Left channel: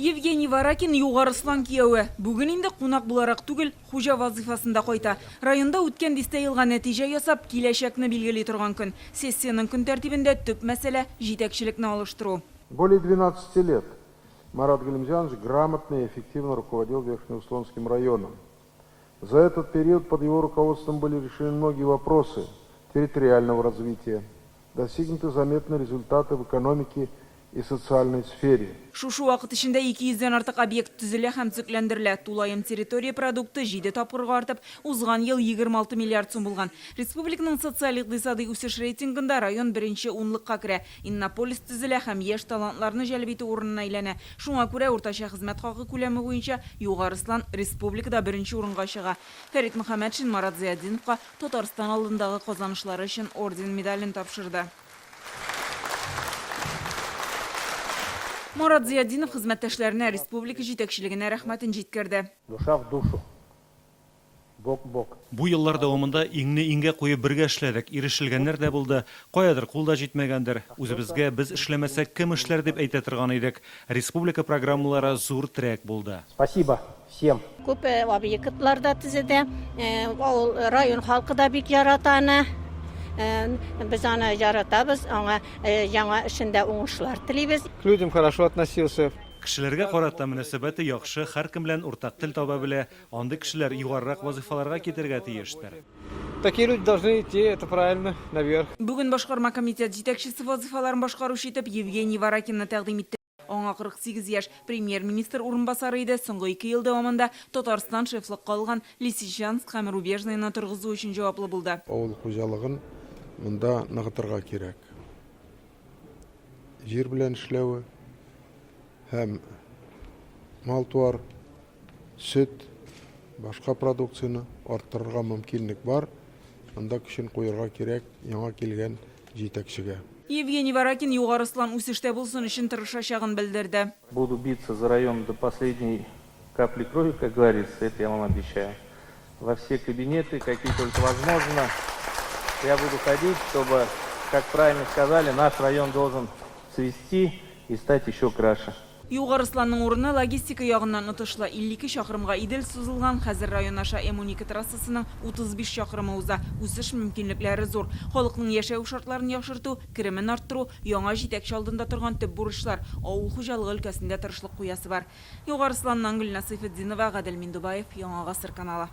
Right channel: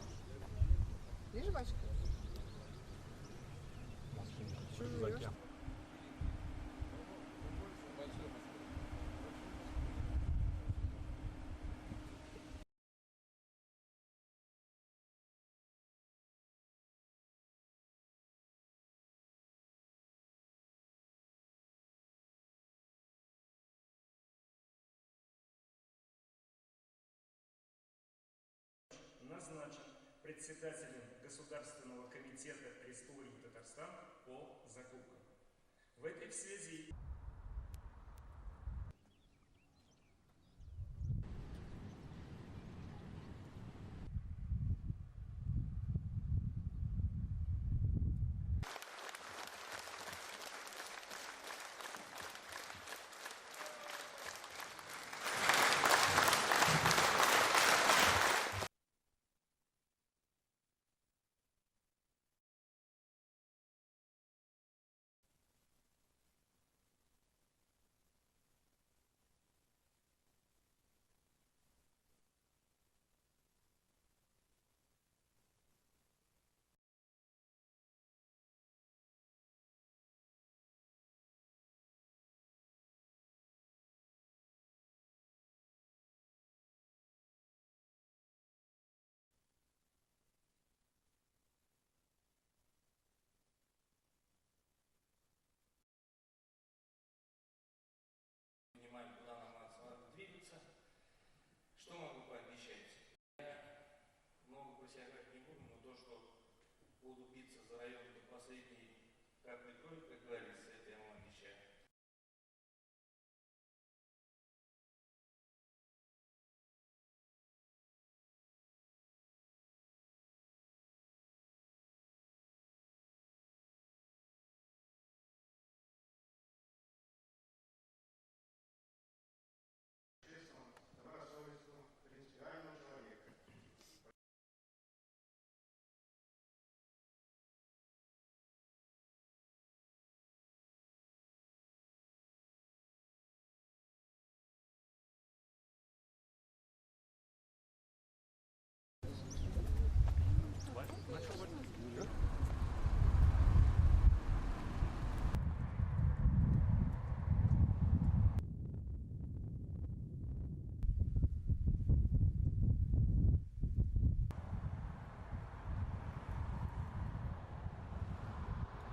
Евгений Варакин Юғарыслан кияуі. Бүгін енді қонақ бұларақ түгіл, хужа вазифасында қойта. Районда өткен дистейілға нәтиже ясап, келешекні белгілей тұрған күн. Сессияның күн тәртібінде түп мәселе жетекшілікні алыштыру. Более 12 лет Марат Галимжанович грамотно и эффективно руководил Верхнеуслонским районом. За этот период под его руководством были решены многие вопросы территориального развития. Достигнуты заметные результаты в экономике и социальной сфере. Шушу вақыт ішінде 200-ден артық объект түзілі һәм түзеклендірілі. Тулайым территория продукты жиде тапқырға артып, ұзған ел 26 миллиард сум болған. Республиканың социалик-дисады үсіш рейтингында район бірінші онлыққа кірі. Иннополис түзілі һәм еш талантларны жәлбеті орнына айләне. Шуңа күрә орташа хызмәт хақы күләме бойынша Юғарыслан республикада бірінші орынға шыға. Фәрит Мөхәммәтшин Марат Зияддиновқа Татарстан алдындағы қазанышлары үшін орден медалін тапшырды. Марат Зияддинов хезмәттәшләренә республика җитәкчелегенә рәхмәтен җиткерде. Душа в душу. Бок в бок. Бу еллар дәвамында иңне иңгә куеп бергә эшләдек. Ирешелгәннәр дә булды. Каядыр кулда җитмәгәндер. Үзебезгә без эшләмәсәк кем эшләр дип әйтә торган идек. Республика программалары зур трек булды. Спасибо всем. Күп объектларда төзеде. Район халкы да бик яратаны. Biz аны яратабыз, аңа яңа эшендә уңышлар телибез. К людям хорошо относился. Кешеләргә карата мөнәсәбәте яхшы, һәркем белән уртак тел таба белә. Андый кешеләр югарырак вазифаларга китәргә тиештер. Такие люди должны идти, это правильно, наверх. Бүген башкарма комитет җитәкчесе вазифаларын башкаручы итеп Евгений Варакинны тәкъдим итте. Аңа 48 яшь премьер-министр урынбасары иде. Соңгы 2 ел дәвамында Татарстан шефлыкка алган Лисичанск һәм Рубежныйны торгызу өчен җаваплы булды. Авыл хуҗалыгын монда ныгытырга кирәк. Җир белән эшләүе һәм мал-туар, сөт, башка продукцияны арттырырга мөмкинлек бар. Анда көчен куярга кирәк яңа килгән җитәкчегә. Евгений Варакин Юғарыслан үсештә булсын өчен тырышачагын белдерде. Буду биться за район до последней капли крови, как говорится, это я вам обещаю. Во все кабинеты, какие только возможно, я буду ходить, чтобы, как правильно сказали, наш район должен цвести и стать еще краше. Юғарысланның урыны логистика ягыннан отышлы 52 шақырымға идел сузылган. Хәзер район аша М12 трассасының 35 шақырымы уза. Үсеш мөмкинлекләре зур. Халыкның яшәү шартларын яхшырту, керемен арттыру, яңа җитәкче алдында торган төп бурычлар. Авыл хуҗалыгы өлкәсендә тырышлык куясы бар. Юғарысланнан Гөлнасыйфетдинова, Гадел Миндубаев, Яңа Гасыр каналы.